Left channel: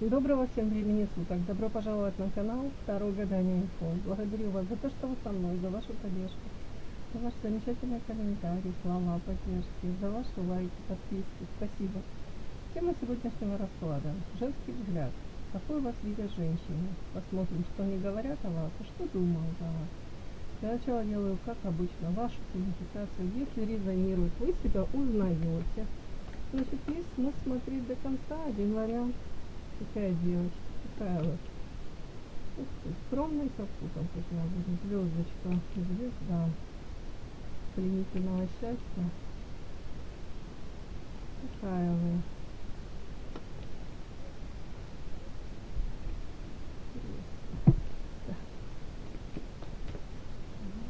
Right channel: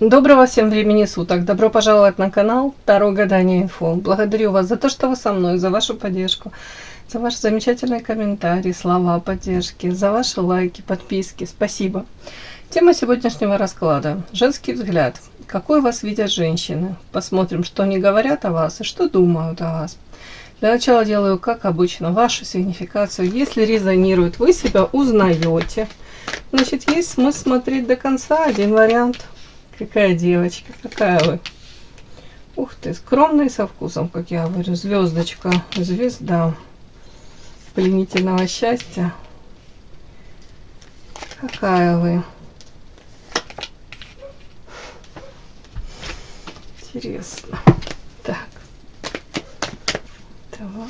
Доброго всем времени суток! Добро пожаловать на канал Таро Гадание Инфо. Благодарю вас за то, что вы со мной, за вашу поддержку, за ваши замечательные комментарии, слова поддержки, за ваши лайки, подписки. Спасибо. Тема сегодняшнего расклада. Женский взгляд. Какой вас видят женщины? Посмотрим, что они говорят о вас и что думают о вас. Для начала делаю, как обычно, вашу сигнификацию. Если резонирует, вы себя узнаете. Значит, есть смысл смотреть до конца. Один вариант. Какая девочка, какая вы. Ух ты, скромная со вкусом, как я говорю. Звездочка, звезда пленительного счастья. Какая вы. Интересно. Так. Давай.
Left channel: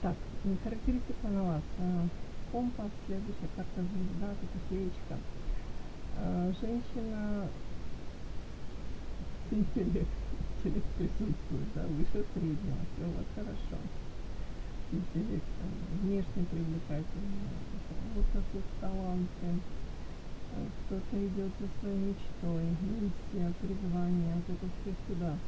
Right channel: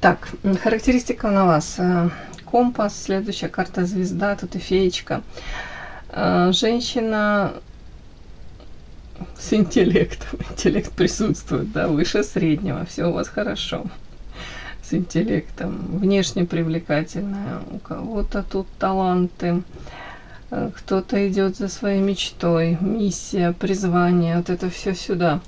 Так, характеристика на вас. Компас, следующая карта звезда, тут и феечка. Женщина с интеллектом. Интеллект присутствует, да, выше среднего. Все у вас хорошо. С интеллектом. Внешне привлекательная. У кого-то тут таланты. Кто-то идет за своей мечтой. Миссия, призвание. Вот это все сюда.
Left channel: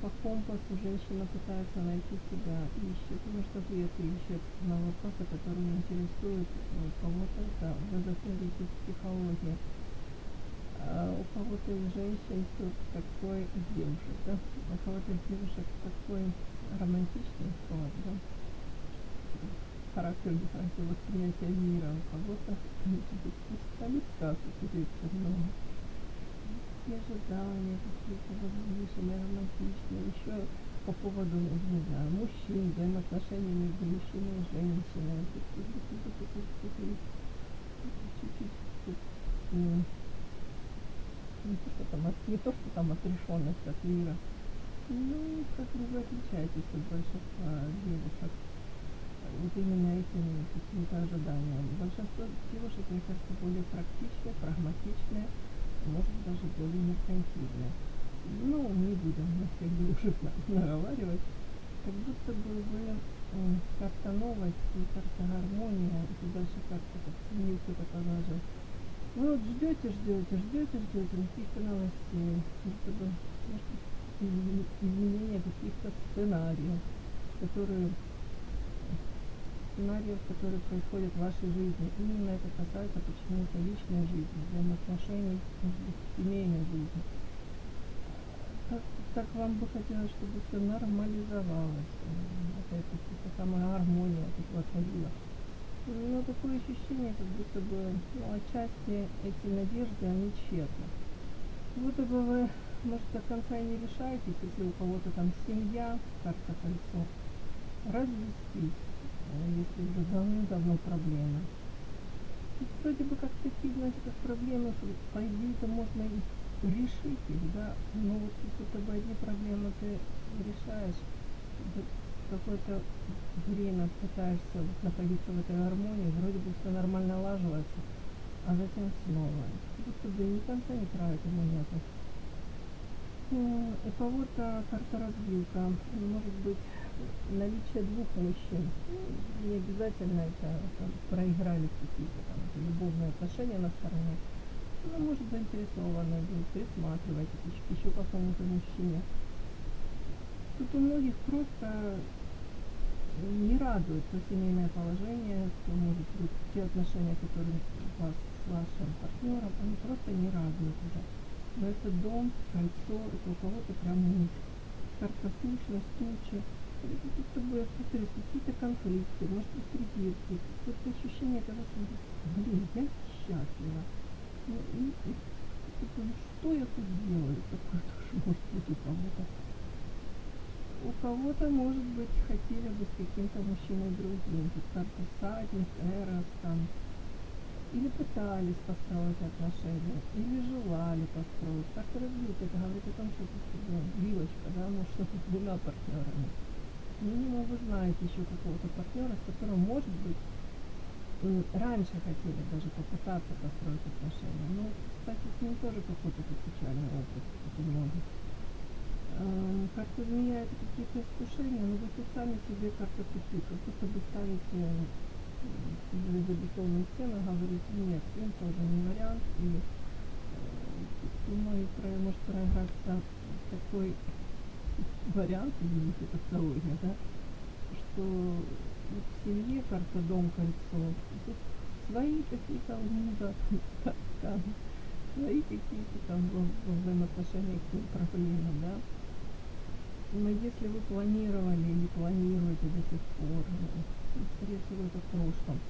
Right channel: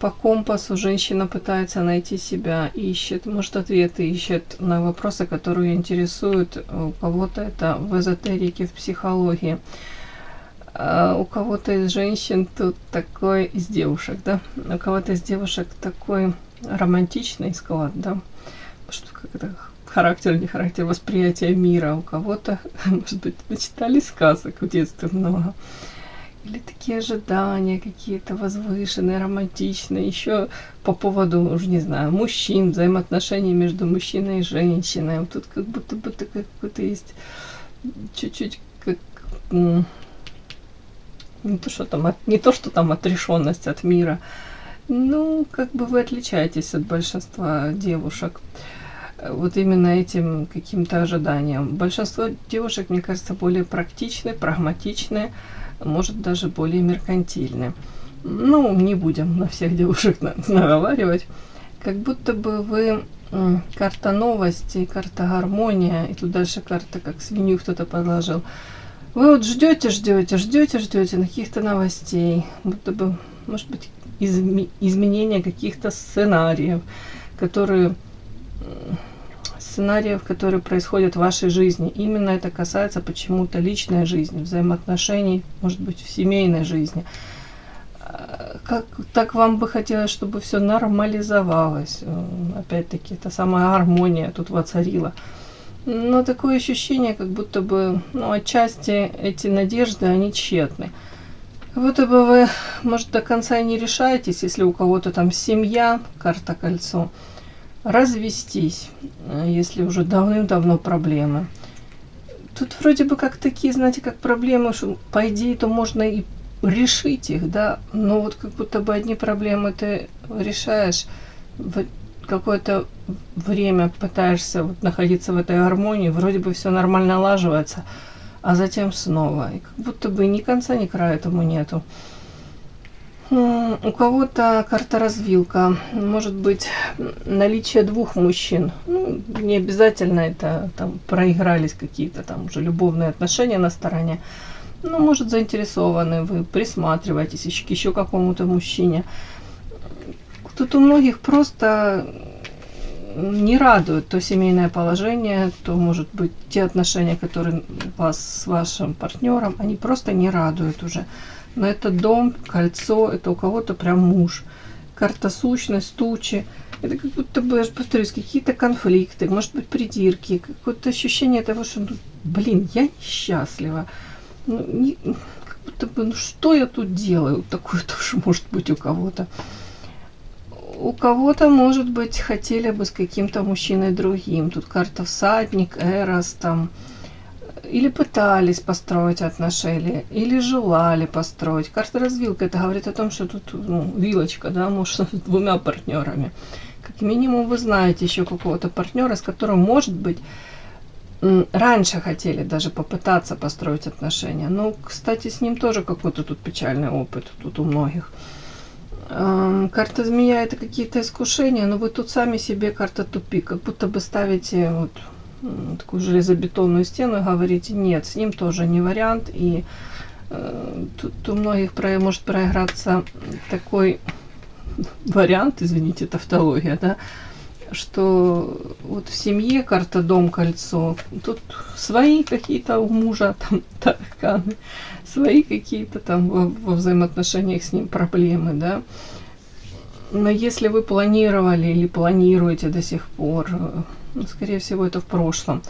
По компасу женщина пытается найти себя, ищет, может, ответы ищет на вопросы, которые ее интересуют. У кого-то это в эзотерике, в психологии. У кого-то из женщин тут такой, из девушек, да, у кого-то из девушек такой романтичный склад, да, что как-то характер, не характер, восприятия мира. У кого-то, может быть, начитали сказок в детстве много. Или такие ожидания какие-то возвышенные, романтичные. Еще по поводу, уже не знаю, мужчин, взаимоотношений между мужчиной и женщиной. Вот тут как будто бы какой-то есть чуть-чуть как не то, что там отрешенность от мира. Ну, как бы вы отличаетесь от большинства девушек. Вот именно этим каким-то ожиданием. Большинство девушек, мне кажется, более практичны, прагматичны, может даже более меркантильны. Ну, не будем на всех девушек наговаривать. Как будто бы вы карта новости, карта гармония, и тут дальше карта, как свинью кто-то подложил. Вы вот ждете на каких-то новостей, будто бы, может быть, изменения каких-то сценариев, которые происходят в вашей жизни. Именно это касается почему-то личной жизни, взаимоотношений, может быть, в семейной жизни. Так вам бы хотелось, чтобы все нормализовалось. Опять-таки, та самая гармония тут воцарила. Но такое ощущение, как будто бы, отчасти эти надежды, они тщетны. Как будто бы вы, может, до конца и не решаетесь, если у кого-то там семья, карта кольцо, развестись, если уже давным-давно проблемы. Тут вроде бы как такие, знаете, как проблемы, что по идее то можно и решить их, да, но вот как будто бы одни проблемы ты решаешь, в какое-то время пытаешься вот находиться в этой гармонии, вроде бы все нормально налаживается, а затем снова. И как будто бы ни конца, ни края этому нету. У кого-то карта развилка, может быть наличие двух мужчин. Не обязательно это там проигрались какие-то там уже любовные отношения на стороне. Может, заинтересованы вы, присматриваетесь еще к какому-то мужчине. Тут у многих просто не радует то семейное положение, то, может быть, те отношения, которые у вас с вашим партнером, они просто не радуют уже. Но это дом, кольцо, это у кого-то прям муж. Карта сущность, тучи. Это как будто бы, я же повторюсь, какие-то конфликты, может быть, придирки, какое-то ощущение того, что, я несчастлива. Как будто бы, что я тут делаю? Такое тоже может быть у кого-то. У кого-то, может быть, хотели бы с каким-то мужчиной другим. Тут карта всадник, эрос, там, или пытались построить отношения, или желали построить. Карта развилка, это говорит о том, что тут вилочка, да, может, с двумя партнерами. Как минимум вы знаете еще какого-то партнера, с которым, может быть, раньше хотели даже попытаться построить отношения. Но, кстати, с ним тоже какой-то тут печальный опыт, тут у многих. Карта змея — это какие-то искушения, но вы тут сами себе карта тупик, как будто бы ставите вот такую железобетонную стену и говорите: нет, с ним тоже не вариант. И тут у многих может проиграться такой вариант, извините, тавтология, да, что вот в семье карта дом, кольцо, тут свои какие-то у мужа там тараканы, свои какие-то там во взаимоотношениях с ним проблемы, да. Но если вы планировали или планируете до сих пор, скорее всего, это в прошлом,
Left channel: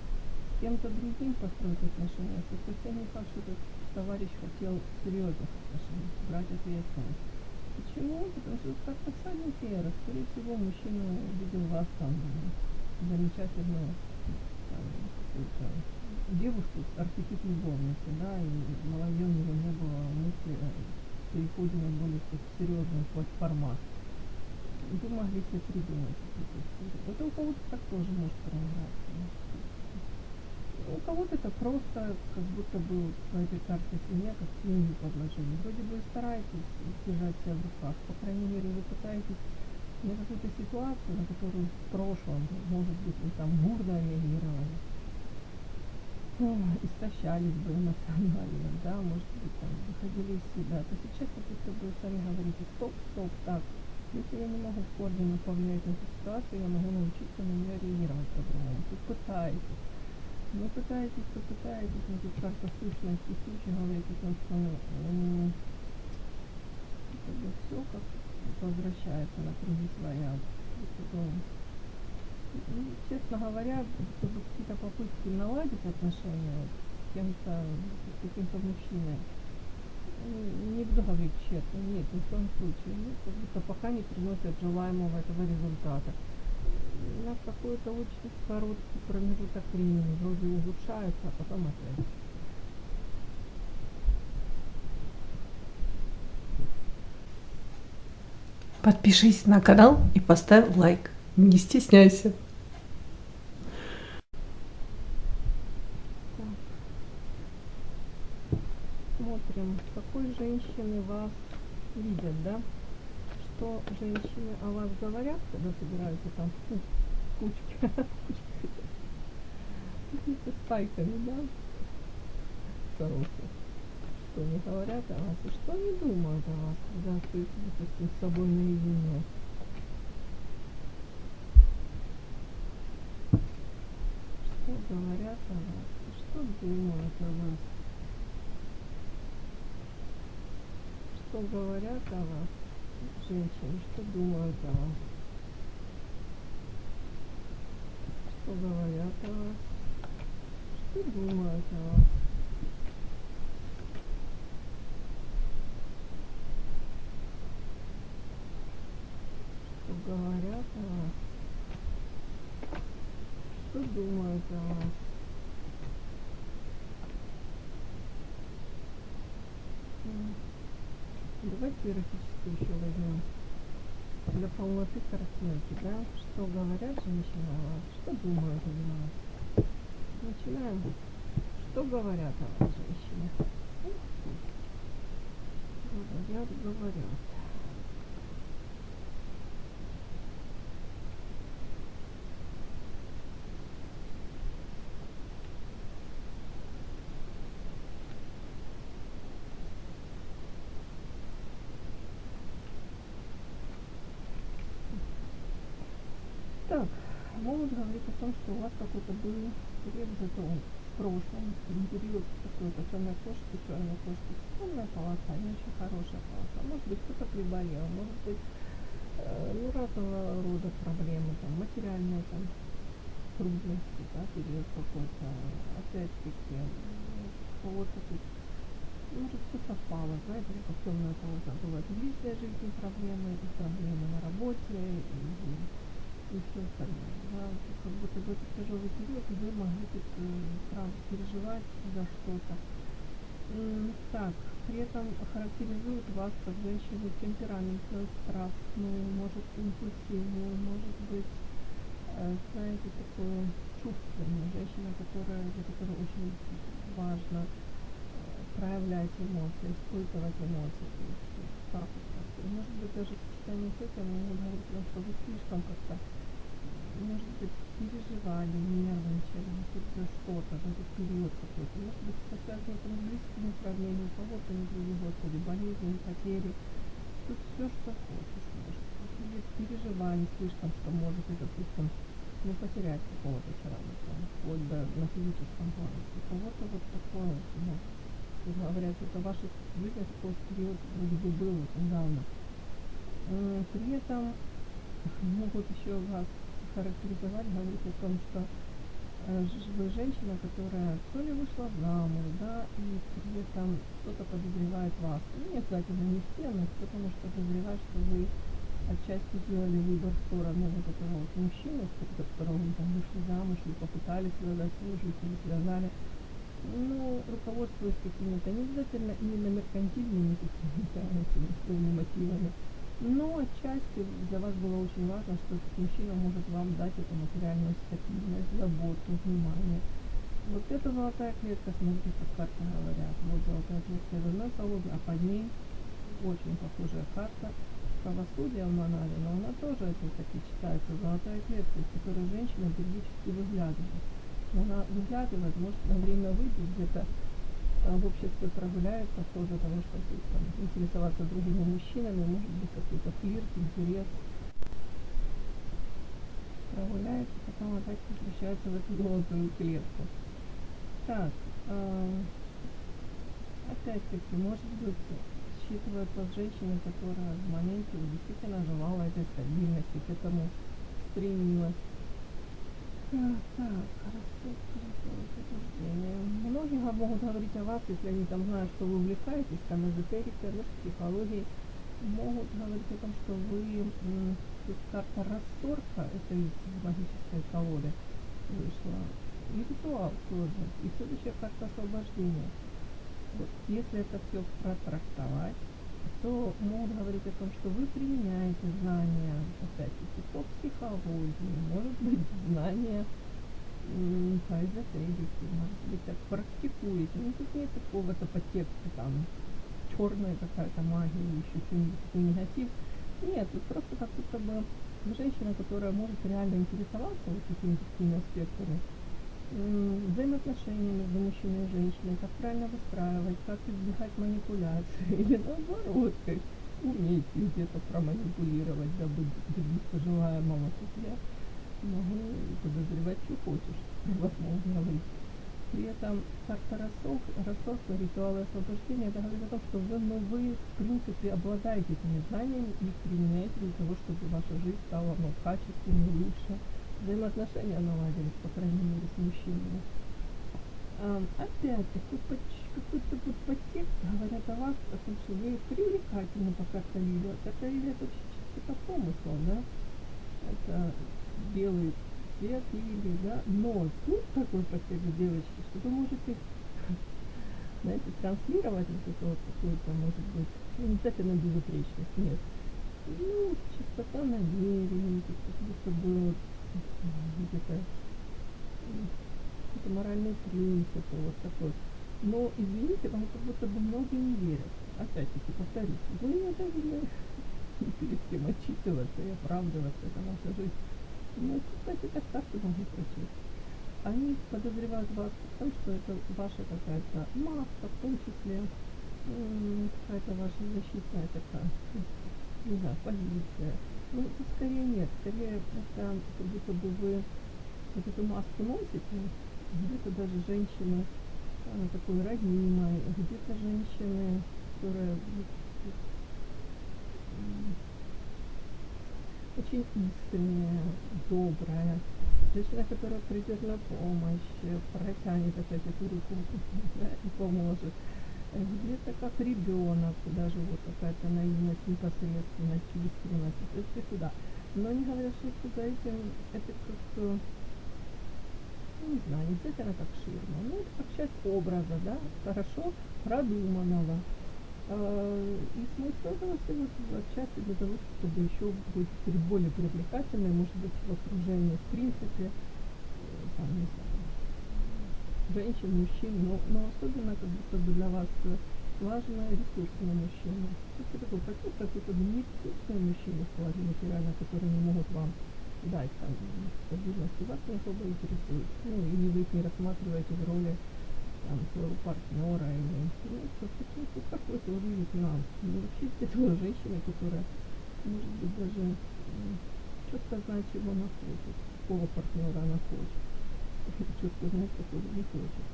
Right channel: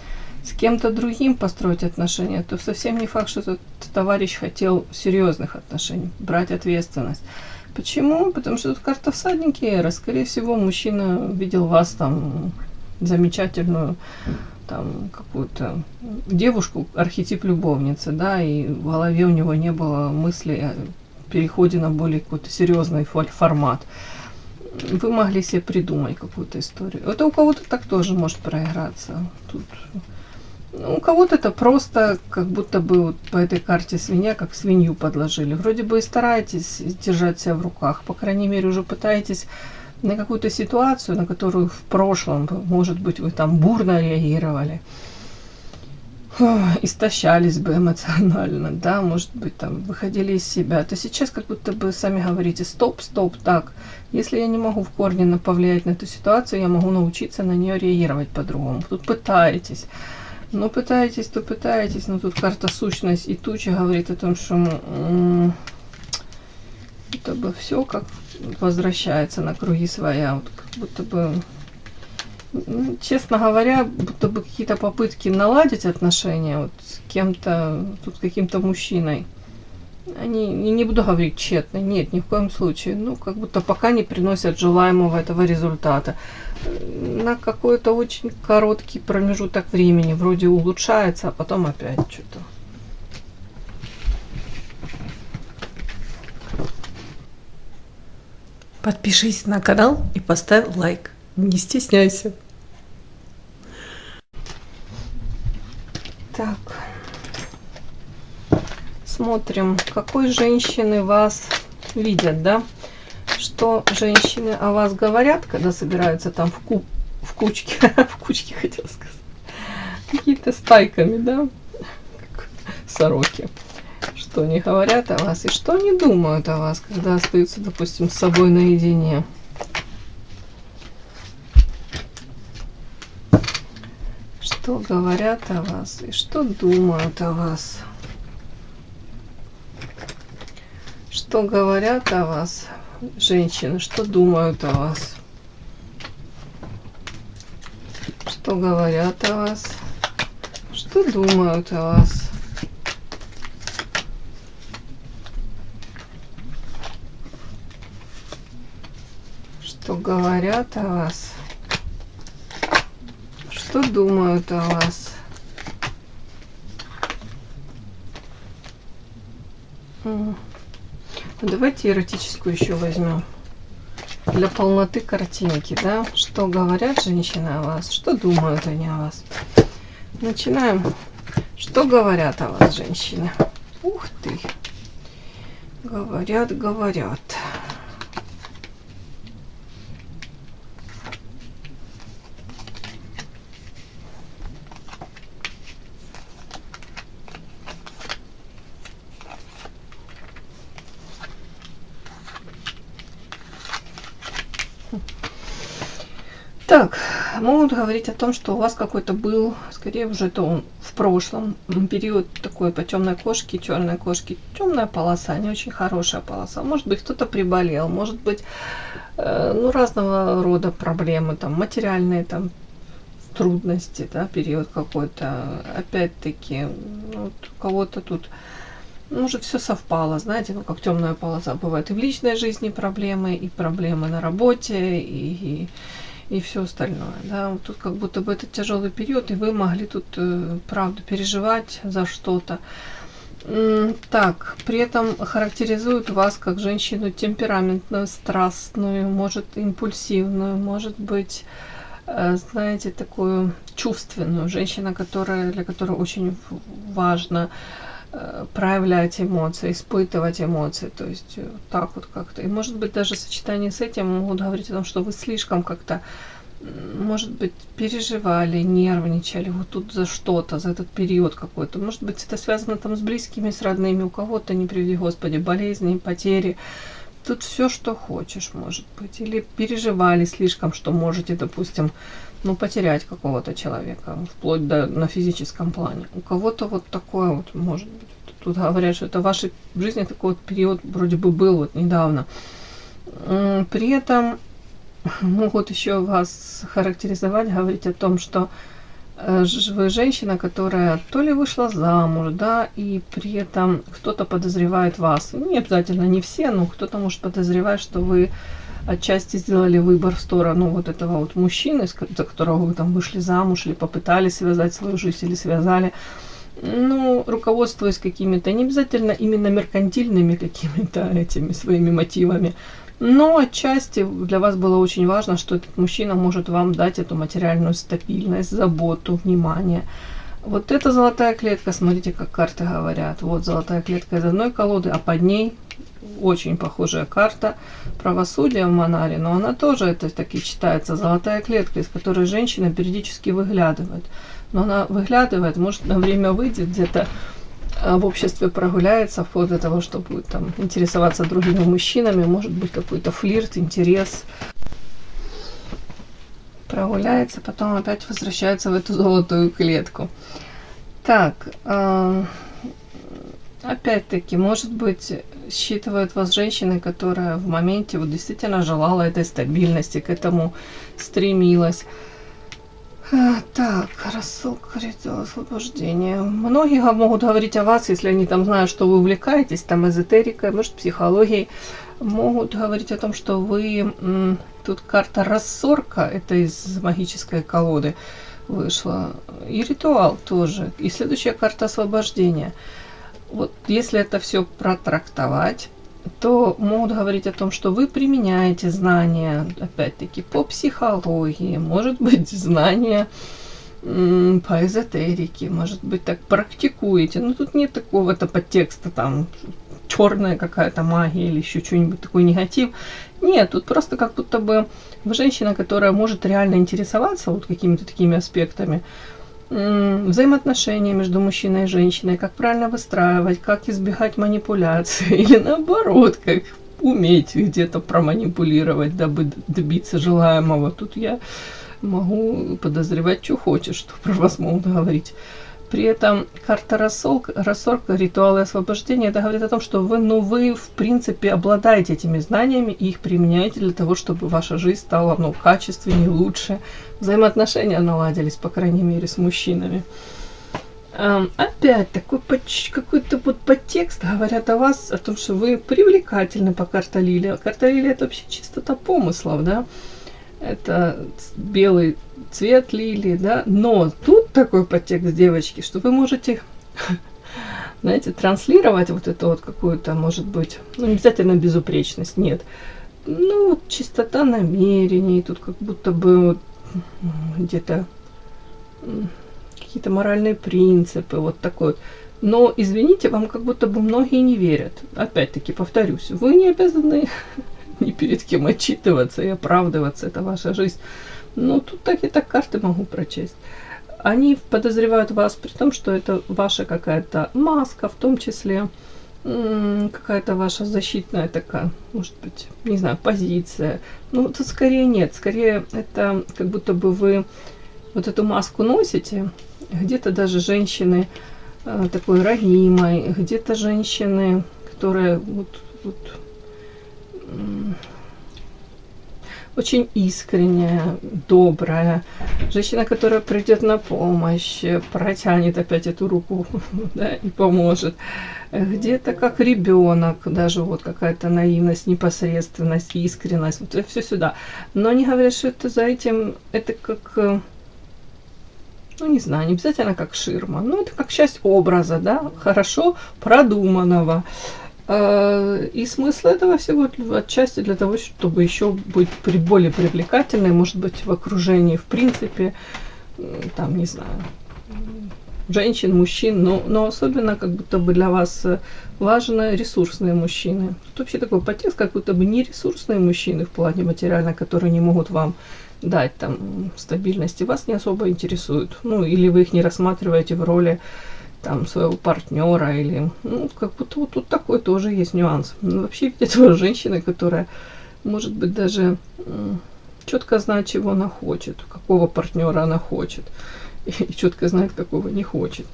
с кем-то другим построить отношения, то совсем не факт, что этот товарищ хотел серьезных отношений, брать ответственность. Почему? Потому что тут карта всадники эра. Скорее всего, мужчина видел вас там замечательную, там, какую-то девушку, архетип любовницы, да, и в голове у него не было мысли о переходе на более какой-то серьезный формат. Вы могли себе придумать какую-то историю. Это у кого-то так тоже может проиграться. Тут, у кого-то это просто как будто бы вот по этой карте свинья, как свинью подложили. Вроде бы и стараетесь держать себя в руках, по крайней мере уже пытаетесь на какую-то ситуацию, на которую в прошлом, может быть, вы там бурно реагировали, истощались бы эмоционально, да, может быть, там выходили из себя, то сейчас как будто бы сами говорите: стоп, стоп, так, если я не могу в корне повлиять на эту ситуацию, я могу научиться на нее реагировать по-другому. Тут пытаетесь, но тут карта сущность и туча говорит о том, что это бы все как возвращается на круги своя, вот как будто бы, честно говоря, будто бы какие-то попытки наладить отношения вот с кем-то, тут каким-то мужчиной, они, не буду говорить тщетно, нет, ни в коем случае, ну, как будто пока не приносят желаемого этого результата. На какой-то очень короткий промежуток времени вроде улучшается, а потом опять что-то. Подпишись на канал и поставь лайк. Не стесняйся. Так. Смотрим, какой женщины вас видят, да? Что женщины о вас говорят, когда собираются там в кучке, в кучке хотела сказать, какие-то стайками, да? Как сороки. Что они говорят о вас и что они думают о вас, когда остаются, допустим, с собой наедине. Что говорят о вас и что думают о вас. Что говорят о вас женщины, что думают о вас. Что говорят о вас, что думают о вас. Что говорят о вас, что думают о вас. Давайте эротическую еще возьмем. Для полноты картинки, да? Что говорят женщины о вас, что думают они о вас. Начинаем. Что говорят о вас женщины? Ух ты. Говорят, говорят. Так, могут говорить о том, что у вас какой-то был, скорее уже это он в прошлом, период такой по темной кошке, черной кошке. Темная полоса, не очень хорошая полоса. Может быть, кто-то приболел, может быть, ну, разного рода проблемы, там, материальные, там, трудности, да, период какой-то. Опять-таки, ну, вот у кого-то тут, может, все совпало, знаете, ну, как темная полоса бывает и в личной жизни проблемы, и проблемы на работе, и и все остальное. Да? Вот тут как будто бы это тяжелый период, и вы могли тут, правда, переживать за что-то. Так, при этом характеризует вас как женщину темпераментную, страстную, может импульсивную, может быть, знаете, такую чувственную. Женщина, для которой очень важно проявлять эмоции, испытывать эмоции, то есть так вот как-то. И может быть даже в сочетании с этим могут говорить о том, что вы слишком как-то, может быть, переживали, нервничали вот тут за что-то, за этот период какой-то. Может быть, это связано там с близкими, с родными, у кого-то, не приведи Господи, болезни, потери. Тут все, что хочешь, может быть. Или переживали слишком, что можете, допустим, потерять какого-то человека, вплоть до на физическом плане. У кого-то вот такое вот может быть. Тут говорят, что это в вашей жизни такой вот период вроде бы был вот недавно. При этом могут еще вас характеризовать, говорить о том, что вы женщина, которая то ли вышла замуж, да, и при этом кто-то подозревает вас. Не обязательно не все, но кто-то может подозревать, что вы отчасти сделали выбор в сторону вот этого вот мужчины, за которого вы там вышли замуж, или попытались связать свою жизнь, или связали. Руководствуясь какими-то, не обязательно именно меркантильными какими-то этими своими мотивами, но отчасти для вас было очень важно, что этот мужчина может вам дать эту материальную стабильность, заботу, внимание. Вот это золотая клетка, смотрите, как карты говорят. Вот золотая клетка из одной колоды, а под ней очень похожая карта правосудия в Манаре, но она тоже, это таки читается, золотая клетка, из которой женщина периодически выглядывает. Но она выглядывает, может, на время выйдет где-то, в обществе прогуляется, вплоть до того, чтобы там интересоваться другими мужчинами, может быть, какой-то флирт, интерес. Прогуляется, потом опять возвращается в эту золотую клетку. Так, опять-таки, может быть, считывает вас женщиной, которая в моменте вот действительно желала этой стабильности, к этому стремилась. Так, рассылка, ритуал освобождения. Многие могут говорить о вас, если они там знают, что вы увлекаетесь, там эзотерикой, может, психологией. Могут говорить о том, что вы... Тут карта рассорка, это из магической колоды вышла. И ритуал тоже. И следующая карта освобождения. Вот если это все протрактовать, то могут говорить о том, что вы применяете знания, опять-таки, по психологии, может быть, знания по эзотерике, может быть, так практикуете. Но тут нет такого-то подтекста, там, черная какая-то магия или еще что-нибудь, такой негатив. Нет, тут просто как будто бы вы женщина, которая может реально интересоваться вот какими-то такими аспектами, взаимоотношения между мужчиной и женщиной, как правильно выстраивать, как избегать манипуляции, или наоборот, как уметь где-то проманипулировать, дабы добиться желаемого. Тут я могу подозревать, что хочешь, что про вас могут говорить. При этом карта рассорка, ритуалы освобождения, это говорит о том, что вы в принципе обладаете этими знаниями и их применяете для того, чтобы ваша жизнь стала качественнее, лучше, взаимоотношения наладились, по крайней мере, с мужчинами. Опять такой какой-то вот подтекст говорят о вас, о том, что вы привлекательны по карте Лилия. Карта Лилия — это вообще чистота помыслов, да? Это белый цвет лилии, да, но тут такой подтекст, девочки, что вы можете, знаете, транслировать вот эту вот какую-то, может быть, не обязательно безупречность, нет, чистота намерений, тут как будто бы вот где-то какие-то моральные принципы, вот такой вот. Но, извините, вам как будто бы многие не верят. Опять-таки, повторюсь, вы не обязаны ни перед кем отчитываться и оправдываться, это ваша жизнь. Но тут так и так карты могу прочесть. Они подозревают вас при том, что это ваша какая-то маска, в том числе какая-то ваша защитная такая, может быть, не знаю, позиция. Тут скорее нет, скорее это как будто бы вы вот эту маску носите. Где-то даже женщины такой ранимой, где-то женщины, которые очень искренняя, добрая, женщина, которая придет на помощь, протянет опять эту руку, да, и поможет. Где-то как ребенок, даже вот какая-то наивность, непосредственность, искренность, вот все сюда. Но они говорят, что это за этим, это как, ну не знаю, не обязательно как ширма, но это как часть образа, да, хорошо продуманного. И смысл этого всего отчасти для того, чтобы еще быть более привлекательной, может быть, в окружении, в принципе, там, не знаю, женщин, мужчин, но особенно как будто бы для вас важны ресурсные мужчины. Тут вообще такой подтекст, как будто бы не ресурсные мужчины в плане материально, которые не могут вам дать там стабильности, вас не особо интересуют. Ну, или вы их не рассматриваете в роли там своего партнера, или, ну, как будто вот тут такой тоже есть нюанс. Ну, вообще, это женщина, которая, может быть, даже четко знает, чего она хочет, какого партнера она хочет, и четко знает, какого не хочет.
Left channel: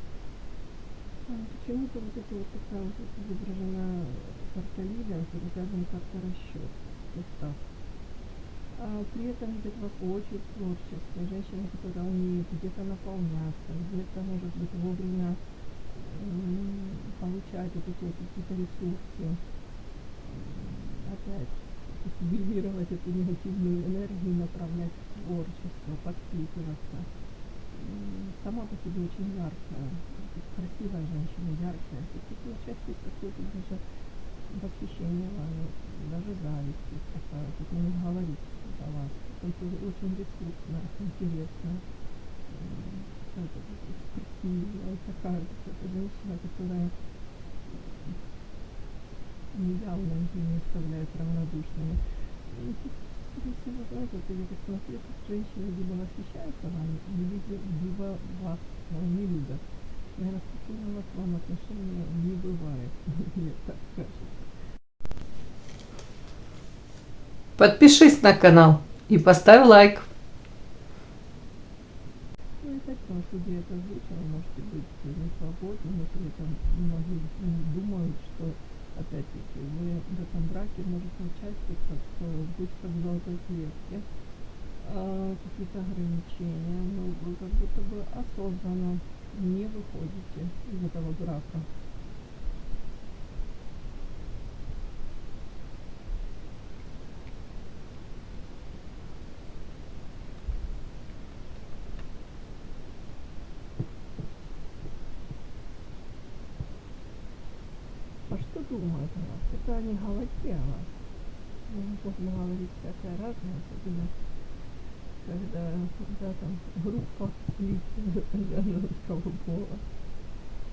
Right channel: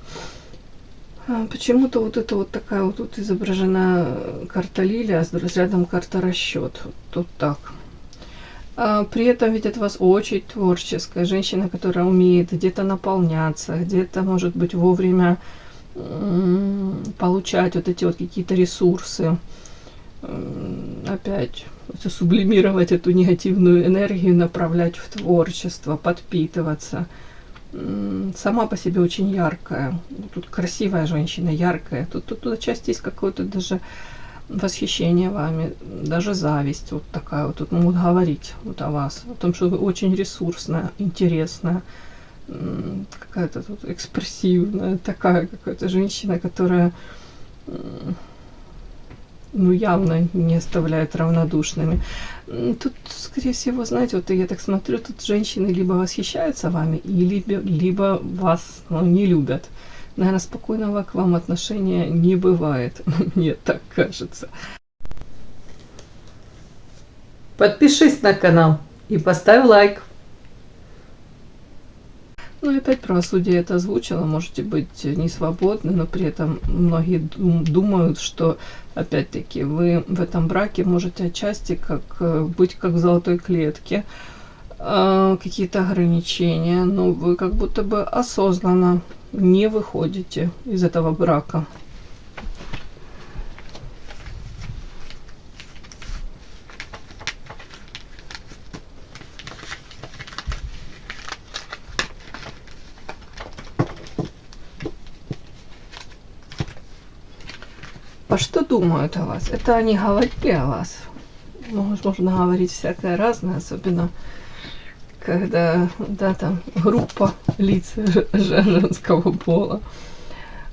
Почему-то вот это вот такая вот тут изображена карта Лилия, а рядом карта Расчет. Тут так. При этом ведь от вас очень творческая женщина, которая умеет где-то наполняться, где-то, может быть, вовремя получать вот эти вот какие-то ресурсы. Опять сублимировать эту негативную энергию, направлять в творчество, подпитываться. Сама по себе очень яркая. Тут красивая женщина, яркая. Тут отчасти есть какое-то даже восхищение вами, даже зависть вот такая вот. Тут могут говорить вот о вас, о том, что вы очень ресурсная, интересная, какая-то тут экспрессивная, такая какая-то женщина, которая, ну, явно не оставляет равнодушными. Тут, скорее всего, знаете, вот я так смотрю, тут женщины либо восхищаются вами, либо вас, ну, не любят. Наверное, спокойного к вам отношения не бывает. Мне так кажется. Подпишись на канал и поставь лайк. Ну и опять правосудие это озвучило. Можете быть не свободны, но при этом многие думают, что опять-таки вы в этом браке можете отчасти быть как в золотой клетке. Какие-то ограничения, но вы как будто бы осознанно не выходите из этого брака. А что думают о вас? Это они говорили о вас. Можно говорить всякое разное, особенно когда, да, там группа лиц женского пола.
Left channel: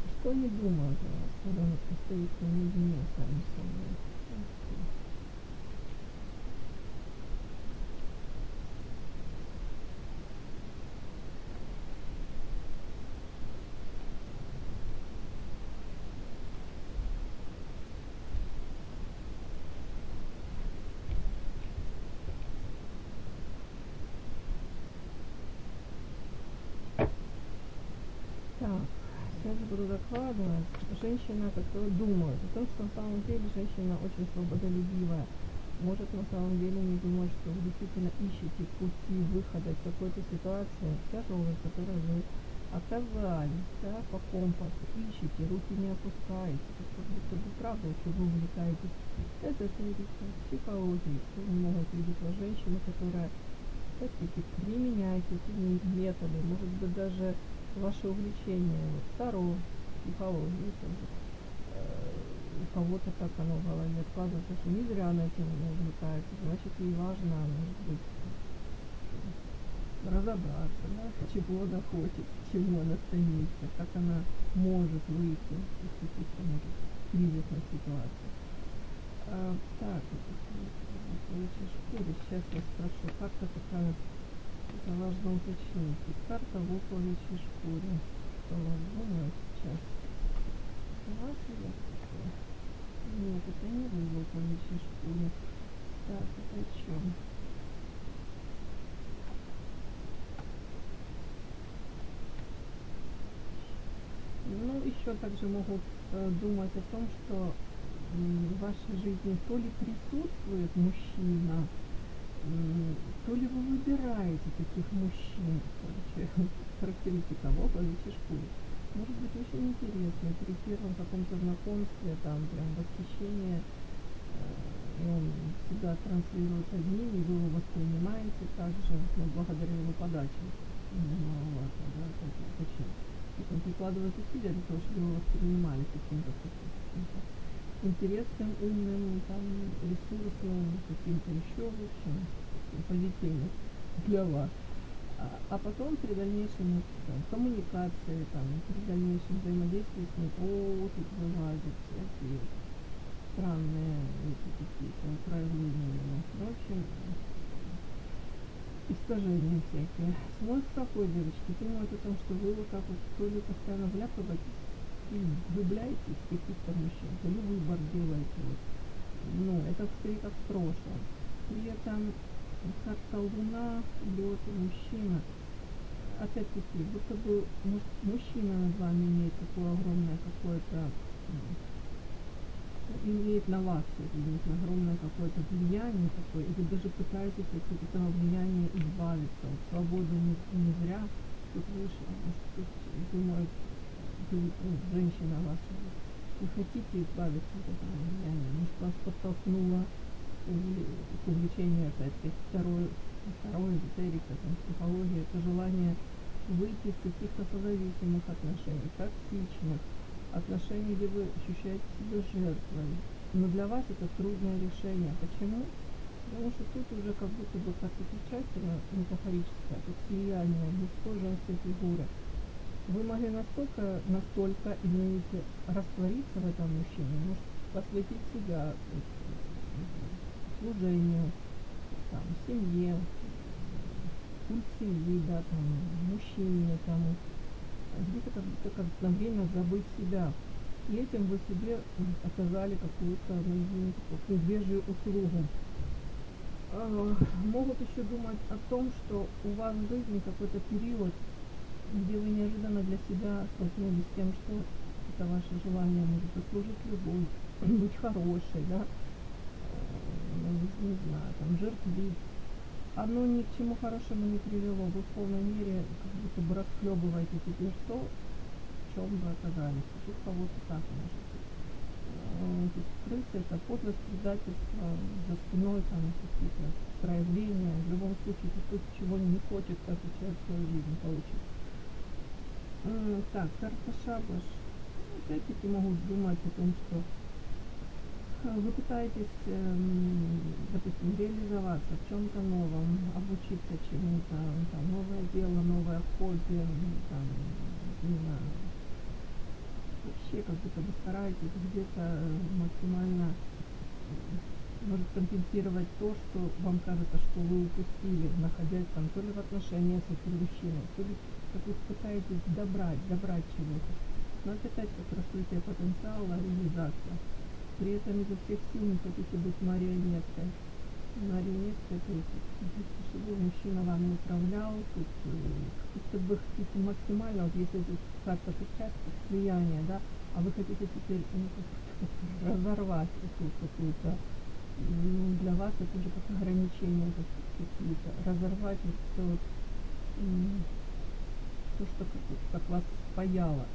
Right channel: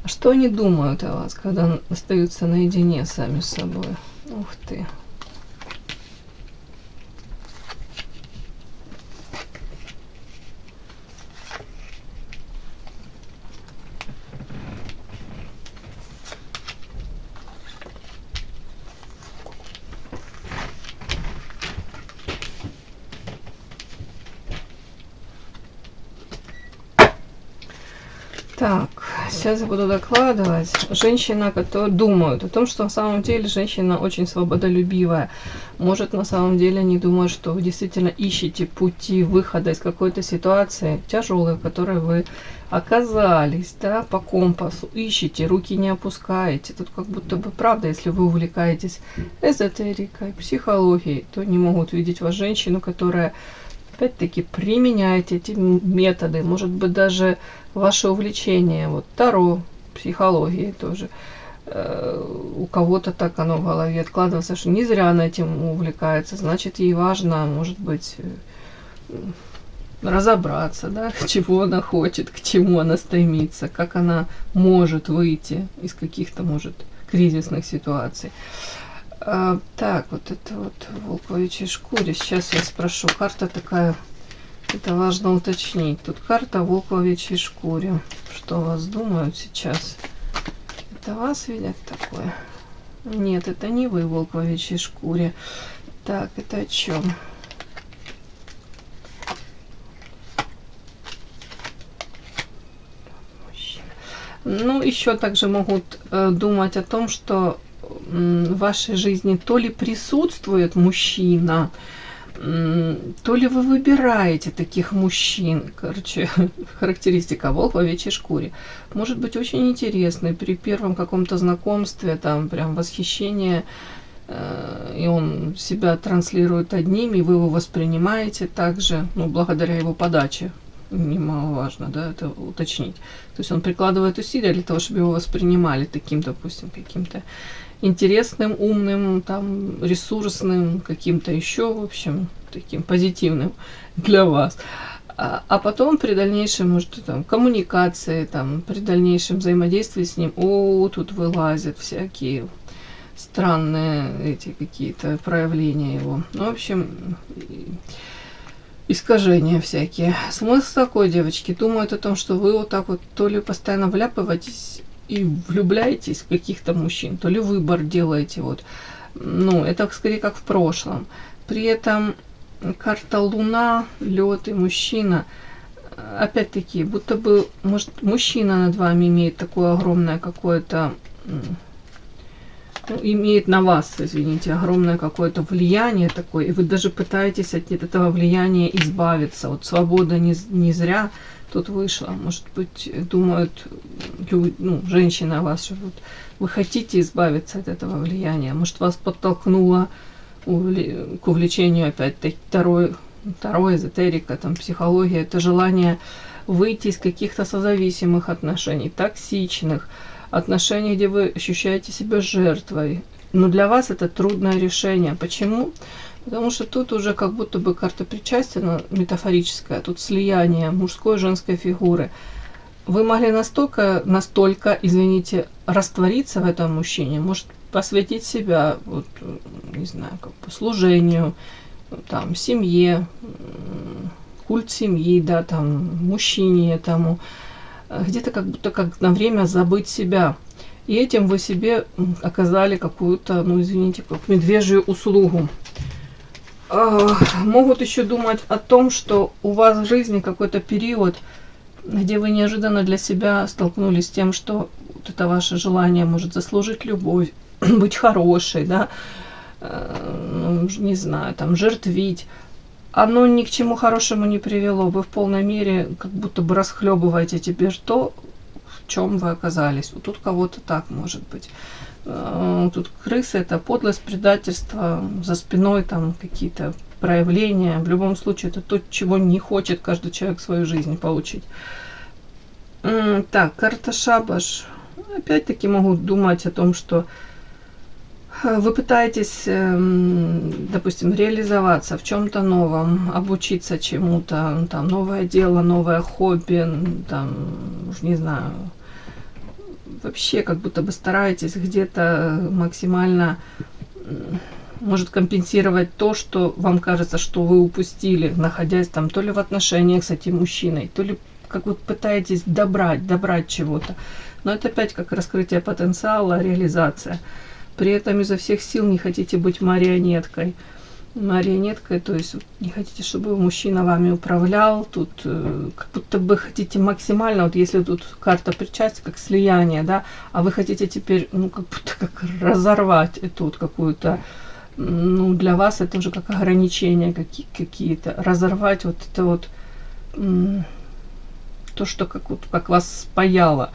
А что они думают о вас, когда остаются наедине сами с собой? Ух ты. Так, сейчас я буду докладывать. Женщина, которая думает о том, что на самом деле женщина очень свободолюбивая. Может, на самом деле они думают, что вы действительно ищете пути выхода из какой-то ситуации тяжелой, в которой вы оказались, да, по компасу. Ищете, руки не опускаете. Тут как будто бы правда, если вы увлекаетесь эзотерикой, психологией, то не могут видеть вас женщину, которая опять-таки применяет эти методы. Может быть, даже ваше увлечение, вот Таро, психологией тоже, у кого-то так оно в голове откладывается, что не зря она этим увлекается, значит, ей важно, может быть, разобраться, да, чего она хочет, к чему она стремится, как она может выйти из каких-то, может, кризисных ситуаций. Так, вот это вот в волковичьей шкуре. Сейчас я спрошу. Карта такая, это важно уточнить. Тут карта в волковичьей шкуре. Что вас думают сейчас? Это вас видят такое? Нет, это не вы в волковичьей шкуре. Так, это о чем? Ну, еще также могут думать о том, что в вашей жизни то ли присутствует мужчина, То ли вы выбираете таких мужчин, короче, характеристика волк в овечьей шкуре. Может быть очень интересный при первом каком-то знакомстве, там прям восхищение, и он себя транслирует одним, и вы его воспринимаете также, ну, благодаря его подаче. Немаловажно, да, это уточнить. То есть он прикладывает усилия для того, чтобы его воспринимали таким, допустим, каким-то интересным, умным, там, ресурсным, каким-то еще, в общем, таким позитивным для вас. А потом при дальнейшем, может, там, коммуникации, там, при дальнейшем взаимодействии с ним, тут вылазят всякие странные эти какие-то проявления его. Ну, в общем, искажения всякие. Смысл такой, девочки, думают о том, что вы вот так вот то ли постоянно вляпываетесь и влюбляетесь в каких-то мужчин, то ли выбор делаете вот. Ну, это скорее как в прошлом. При этом карта Луна, лед и мужчина, опять-таки, будто бы, может, мужчина над вами имеет такое огромное какое-то, имеет на вас, извините, огромное какое-то влияние такое, и вы даже пытаетесь от этого влияния избавиться. Вот свобода не зря тут вышла. Может быть, думают женщины о вас, что вот вы хотите избавиться от этого влияния. Может, вас подтолкнуло к увлечению опять-таки второй эзотерика, там, психология. Это желание выйти из каких-то созависимых отношений, токсичных отношений, где вы ощущаете себя жертвой. Но для вас это трудное решение. Почему? Потому что тут уже как будто бы карта причастия, но метафорическая, тут слияние мужской и женской фигуры. Вы могли настолько, извините, раствориться в этом мужчине, может, посвятить себя, вот, не знаю, как бы служению, там, семье, культ семьи, да, там, мужчине этому, где-то как будто как на время забыть себя. И этим вы себе оказали какую-то, ну, извините, как медвежью услугу. Могут еще думать о том, что у вас в жизни какой-то период, где вы неожиданно для себя столкнулись с тем, что вот это ваше желание может заслужить любовь, быть хорошей, да, не знаю, там, жертвить. Оно ни к чему хорошему не привело. Вы в полной мере как будто бы расхлебываете теперь то, в чем вы оказались. Вот тут кого-то так может быть. Тут крысы — это подлость, предательство, за спиной там какие-то проявления. В любом случае, это то, чего не хочет каждый человек в своей жизни получить. Так, карта Шабаш. Опять-таки могу думать о том, что вы пытаетесь, допустим, реализоваться в чем-то новом, обучиться чему-то, там, новое дело, новое хобби, там, не знаю, вообще как будто бы стараетесь где-то максимально, может, компенсировать то, что вам кажется, что вы упустили, находясь там то ли в отношениях с этим мужчиной, то ли как вот пытаетесь добрать чего-то. Но это опять как раскрытие потенциала, реализация. При этом изо всех сил не хотите быть марионеткой. Марионеткой, то есть не хотите, чтобы мужчина вами управлял. Тут как будто бы хотите максимально, вот если тут карта причастия, как слияние, да, а вы хотите теперь, ну, как будто как разорвать эту вот какую-то, ну, для вас это уже как ограничения какие-то. Разорвать вот это вот, то, что как вас спаяло.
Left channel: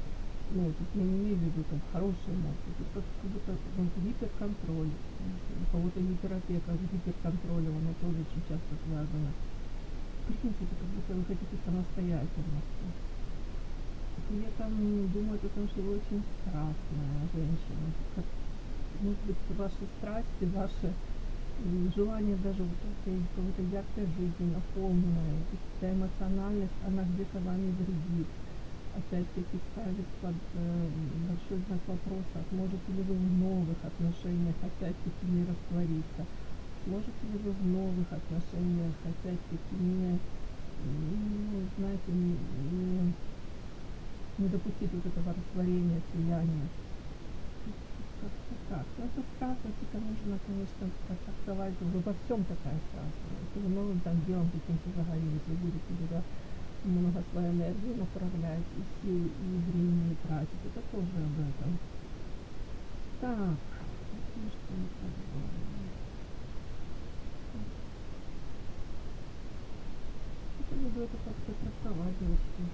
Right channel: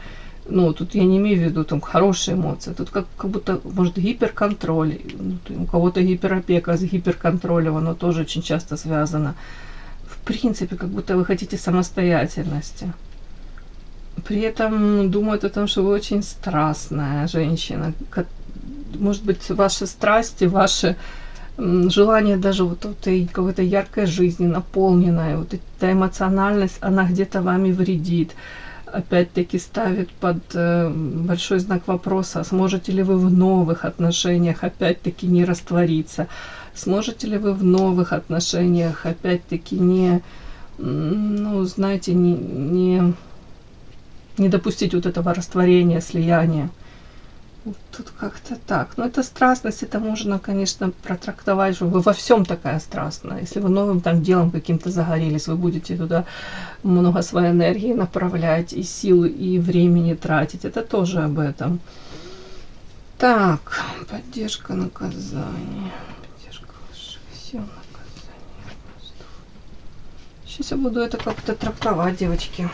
Ну, тут я не имею в виду там хорошие эмоции, тут как будто, может, гиперконтроль, у кого-то гиперопека с гиперконтролем, оно тоже очень часто связано. В принципе, как будто вы хотите самостоятельности. При этом думают о том, что вы очень страстная женщина. Может быть, ваши страсти, ваши желание даже вот этой какой-то яркой жизни, наполненной, вот эта эмоциональность, она где-то вами вредит. Опять-таки ставит под большой знак вопроса, сможете ли вы в новых отношениях опять-таки не раствориться, сможете ли вы в новых отношениях опять-таки не, ну, знаете, не допустить вот этого растворения, слияния. Вот тут как-то так. Но это страстность, это можно, конечно, протрактовать, что вы во всем такая страстная. Если вы новым там делом каким-то загорелись, вы будете туда много своей энергии направлять, и силы, и времени тратить. Это тоже об этом. Так, поддержка наказания. Поддержка все наказания. Сейчас я буду это как-то трактовать, девочки.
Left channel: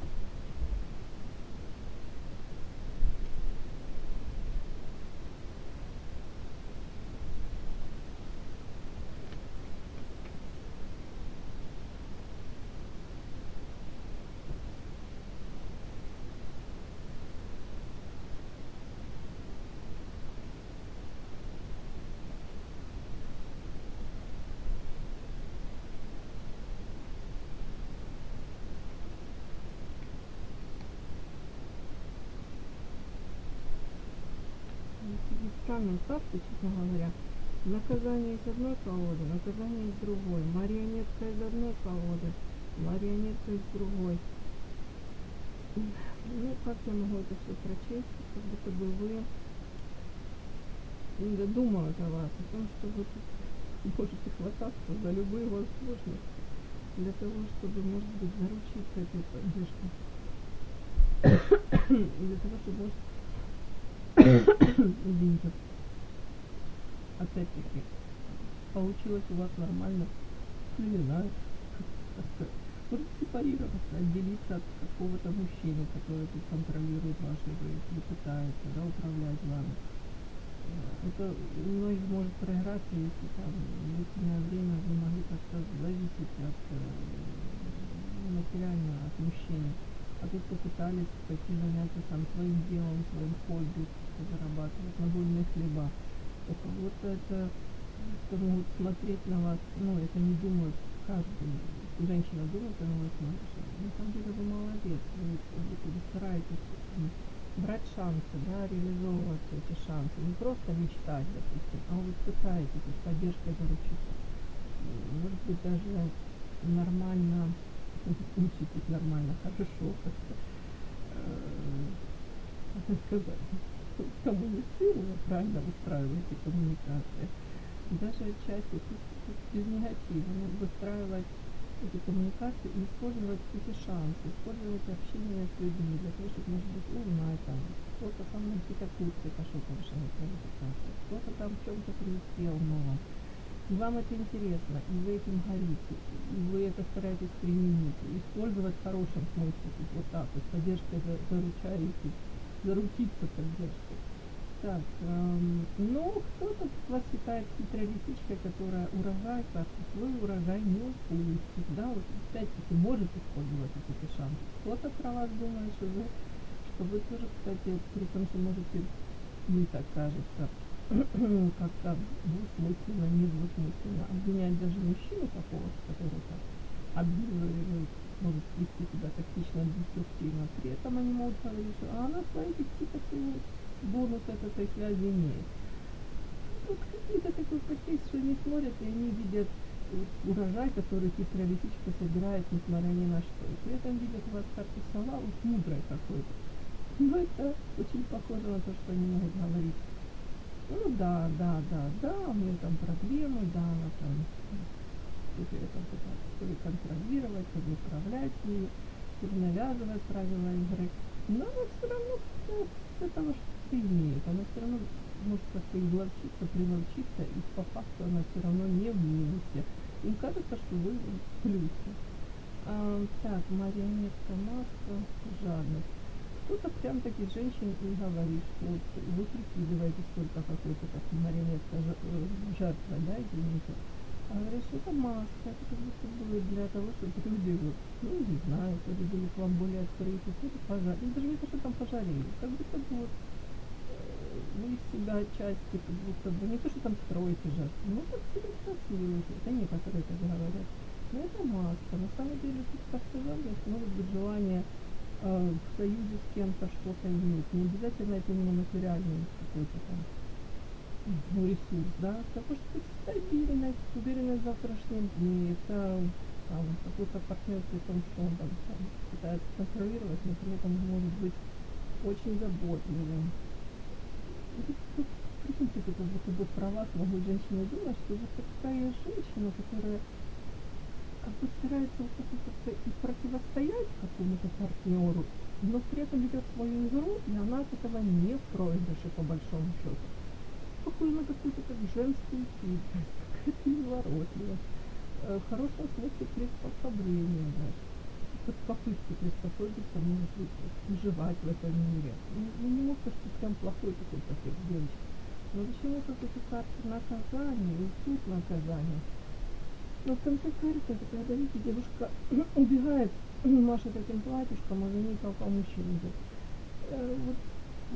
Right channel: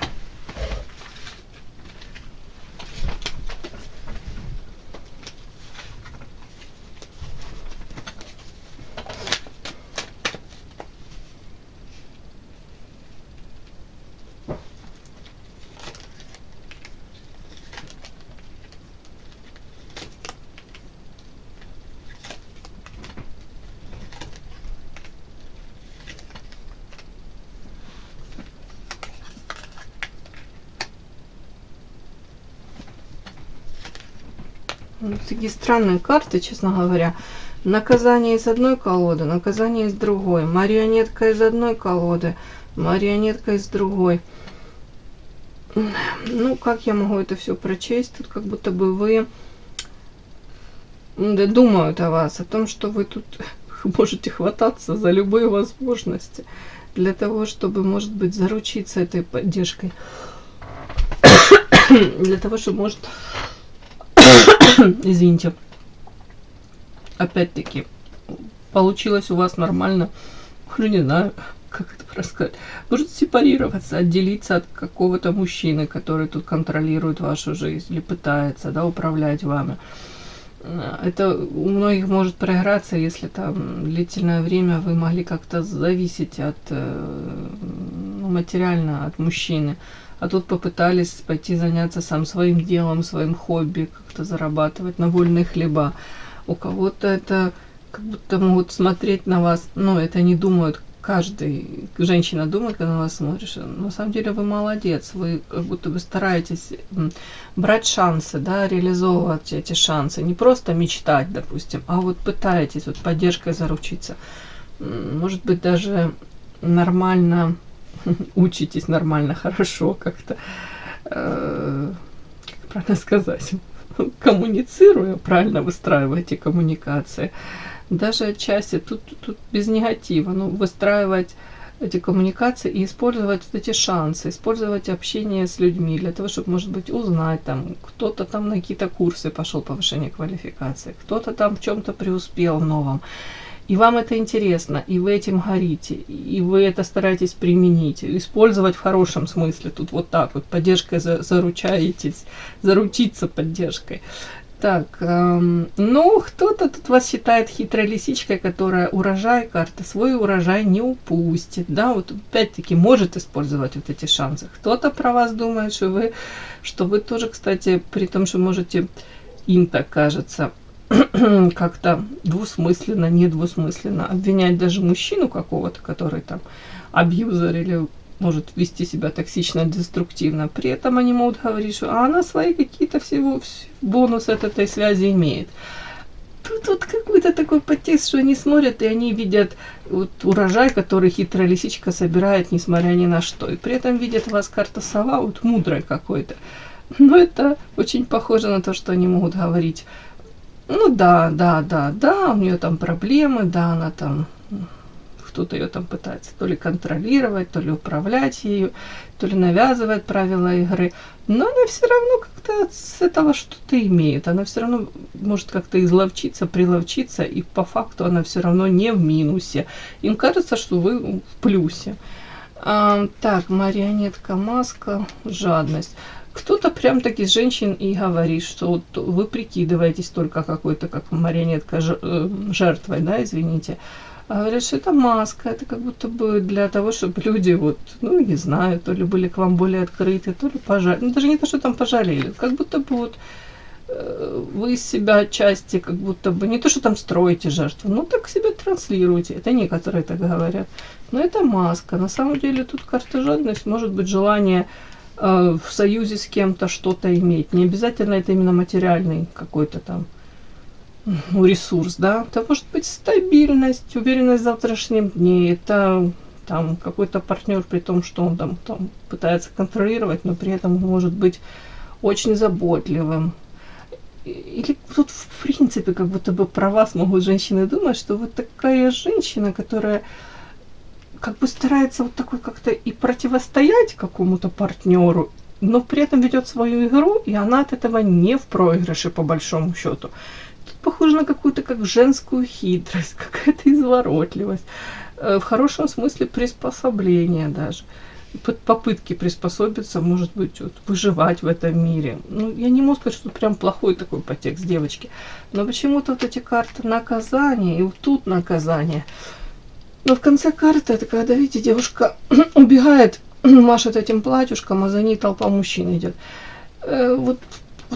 Вот такие странные карты, честно говоря. Наказание из одной колоды, наказание из другой. Марионетка из одной колоды, марионетка из другой. Ну, как я могу это все прочесть? Тут как будто бы вы думают о вас, о том, что вы тут можете хвататься за любые возможности для того, чтобы, может быть, заручиться этой поддержкой. Для того, чтобы, может, извините, опять-таки, получилось у вас нормально, ну, не знаю, как это рассказать, может сепарироваться, отделиться от какого-то мужчины, который тут контролирует вашу жизнь или пытается, да, управлять вами. Это у многих может проиграться, если там длительное время вы могли как-то зависеть от материально от мужчины, а тут попытались пойти заняться сам своим делом, своим хобби, как-то зарабатывать на вольные хлеба. У кого-то это как будто могут смотреть на вас, но это не думают, женщина думает, когда на вас смотришь, на самом деле вы молодец, вы как будто бы стараетесь брать шансы, да, реализовывать эти шансы, не просто мечтать, допустим, а вот пытаетесь вот поддержкой заручиться, может быть, даже нормально учитесь, нормально, хорошо как-то, как правильно сказать, коммуницируя, правильно выстраиваете коммуникации. Даже отчасти тут без негатива, но выстраивать эти коммуникации и использовать вот эти шансы, использовать общение с людьми для того, чтобы, может быть, узнать, там, кто-то там на какие-то курсы пошел повышение квалификации, кто-то там в чем-то преуспел новом. И вам это интересно, и вы этим горите, и вы это стараетесь применить, использовать в хорошем смысле. Тут вот так вот поддержкой заручаетесь, заручиться поддержкой. Так, ну, кто-то тут вас считает хитрой лисичкой, которая урожай карты, свой урожай не упустит, да, вот опять-таки может использовать вот эти шансы. Кто-то про вас думает, что вы тоже, кстати, при том, что можете, им так кажется, как-то двусмысленно, недвусмысленно обвинять даже мужчину какого-то, который там абьюзер или может вести себя токсично, деструктивно. При этом они могут говорить, что она свои какие-то всего бонусы от этой связи имеет. Тут вот какой-то такой подтекст, что они смотрят и они видят вот урожай, который хитрая лисичка собирает, несмотря ни на что. И при этом видят вас карта сова, вот мудрой какой-то. Но это очень похоже на то, что они могут говорить. Ну да, у нее там проблемы, да, она там, кто-то ее там пытается то ли контролировать, то ли управлять ею, то ли навязывает правила игры, но она все равно как-то с этого что-то имеет, она все равно может как-то изловчиться, приловчиться, и по факту она все равно не в минусе. Им кажется, что вы в плюсе. Так, марионетка, маска, жадность. Кто-то прям таки из женщин и говорит, что вот вы прикидываетесь только какой-то, как марионетка, жертвой, да, извините. А говорят, что это маска, это как будто бы для того, чтобы люди вот, ну, не знаю, то ли были к вам более открыты, то ли пожалели. Ну, даже не то, что там пожалели, как будто бы вот вы из себя отчасти, как будто бы, не то, что там строите жертву, но так себя транслируете. Это некоторые так говорят. Но это маска. На самом деле тут карта жадность, может быть желание в союзе с кем-то что-то иметь. Не обязательно это именно материальный какой-то там ресурс, да. Это может быть стабильность, уверенность в завтрашнем дне. Это там какой-то партнер, при том, что он там пытается контролировать, но при этом может быть очень заботливым. Или тут в принципе как будто бы про вас могут женщины думать, что вот такая женщина, которая как бы старается вот такой как-то и противостоять какому-то партнеру, но при этом ведет свою игру, и она от этого не в проигрыше, по большому счету. Тут похоже на какую-то как женскую хитрость, какая-то изворотливость. в хорошем смысле приспособления даже. Попытки приспособиться, может быть, вот, выживать в этом мире. Ну, я не могу сказать, что прям плохой такой подтекст девочки. Но почему-то вот эти карты наказания, и вот тут наказание. Но в конце карты, это когда, видите, девушка убегает, машет этим платьюшком, а за ней толпа мужчин идет. Вот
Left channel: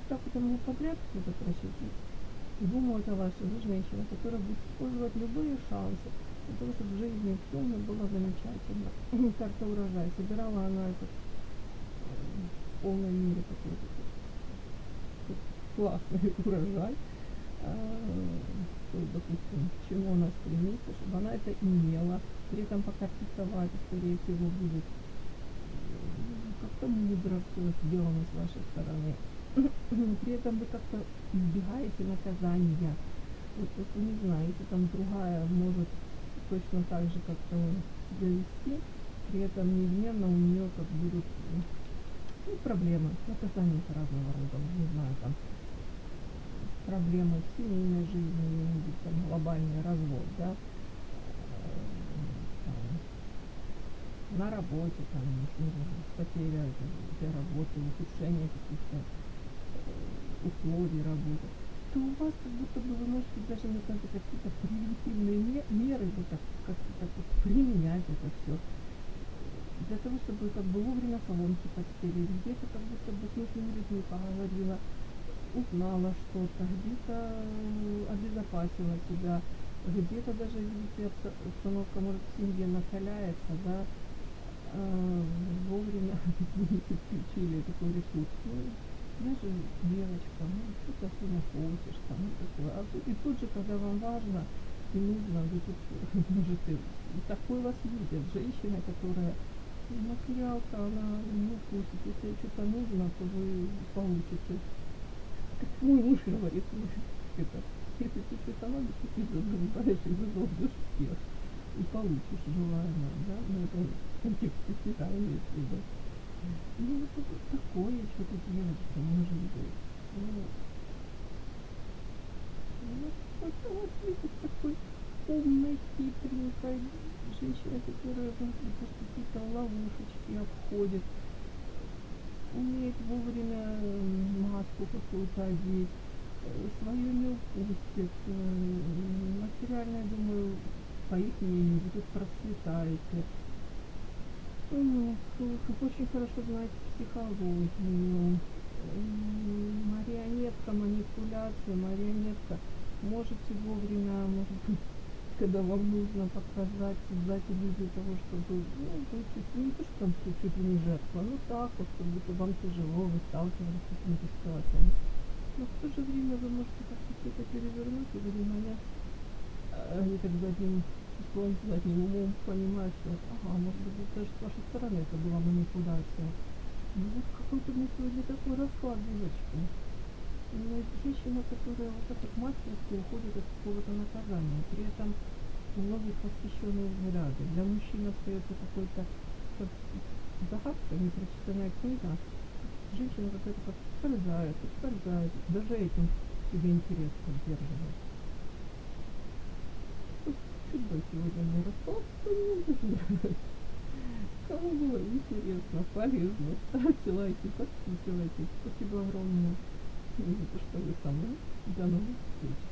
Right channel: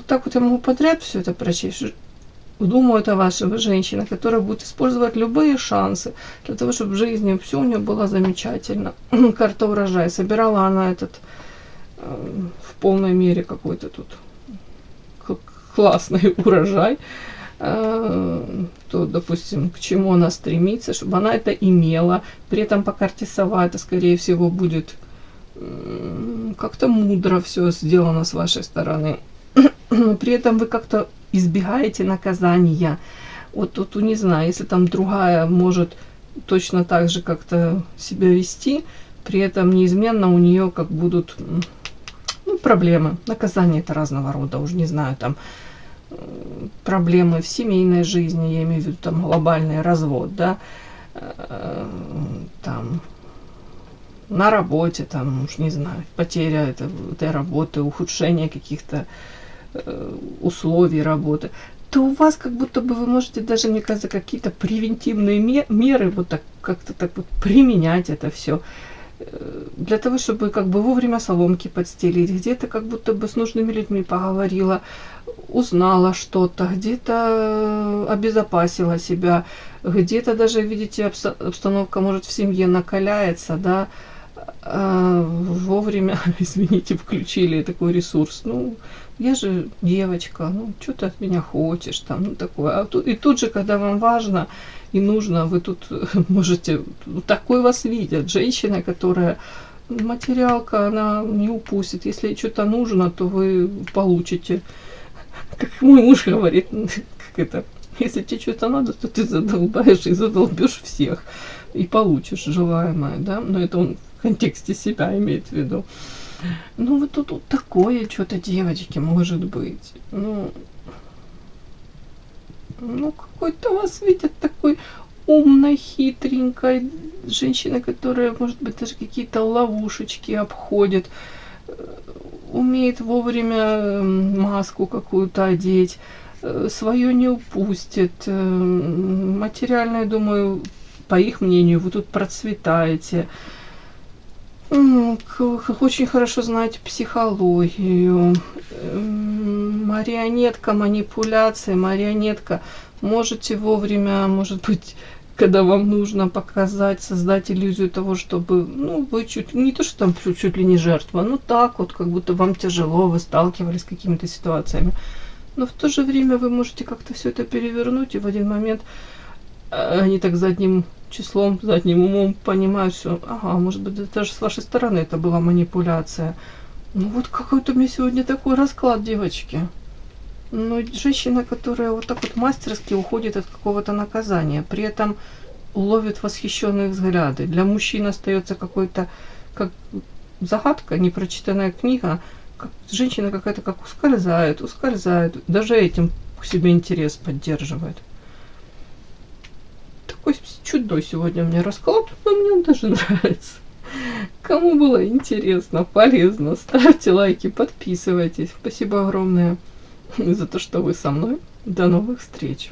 так вот я могу подряд все это прочесть. Думаю, это ваша женщина, которая будет использовать любые шансы для того, чтобы в жизни все у нее было замечательно. Карта урожай. Собирала она этот в полной мере какой-то тут классный урожай. То, допустим, к чему она стремится, чтобы она это имела. При этом по карте сова это, скорее всего, будет как-то мудро все сделано с вашей стороны. При этом вы как-то избегаете наказания. Вот тут, не знаю, если там другая может точно так же как-то себя вести, при этом неизменно у нее как будут проблемы. Наказания это разного рода, уже не знаю, там проблемы в семейной жизни, я имею в виду там глобальный развод, да, там на работе, там, уж не знаю, потеря этой работы, ухудшение каких-то условий работы, то у вас как будто бы вы можете даже, мне кажется, какие-то превентивные меры вот так как-то так вот применять это все для того, чтобы как бы вовремя соломки подстелить, где-то как будто бы с нужными людьми поговорила, узнала что-то, где-то обезопасила себя, где-то даже, видите, обстановка может в семье накаляется, да, вовремя, извините, включили такой ресурс. Ну, я же девочка, ну, что ты от меня хочешь, там, ну, такое. И тут же, когда вам важно и нужно, вы тут можете, такой вас видят, женщина, которая материалка, она не упустит. Если что-то нужно, то вы получите. Как мой муж говорит, как это, если тебе что-то надо, то ты задолбаешь и задолбешь всех. И получишь желаемое, да. Но это он в контексте себя имеет в виду. Ну, вот тут вот такое что-то, девочки, может быть. Ну, какой-то вас видят такой умной, хитренькой женщина, которая, может быть, даже какие-то ловушечки обходит, умеет вовремя маску какую-то одеть, свое не упустит. Материально, я думаю, по их мнению, вы тут процветаете. Очень хорошо знаете психологию. Марионетка, манипуляции, марионетка. Можете вовремя, может быть, когда вам нужно показать, создать иллюзию того, чтобы, ну, вы чуть, не то, что там чуть ли не жертва, ну так вот, как будто вам тяжело, вы сталкивались с какими-то ситуациями. Но в то же время вы можете как-то все это перевернуть, и в один момент они так задним числом, задним умом понимают, что, ага, может быть, даже с вашей стороны это была манипуляция. Ну вот какой-то у меня сегодня такой расклад, девочки. Ну, женщина, которая вот так вот мастерски уходит от какого-то наказания, при этом ловит восхищенные взгляды. Для мужчин остается какой-то, как загадка, непрочитанная книга, как женщина какая-то как ускользает, даже этим к себе интерес поддерживает. Такой чудной сегодня у меня расклад, но мне он даже нравится. Кому было интересно, полезно, ставьте лайки, подписывайтесь. Спасибо огромное за то, что вы со мной. До новых встреч.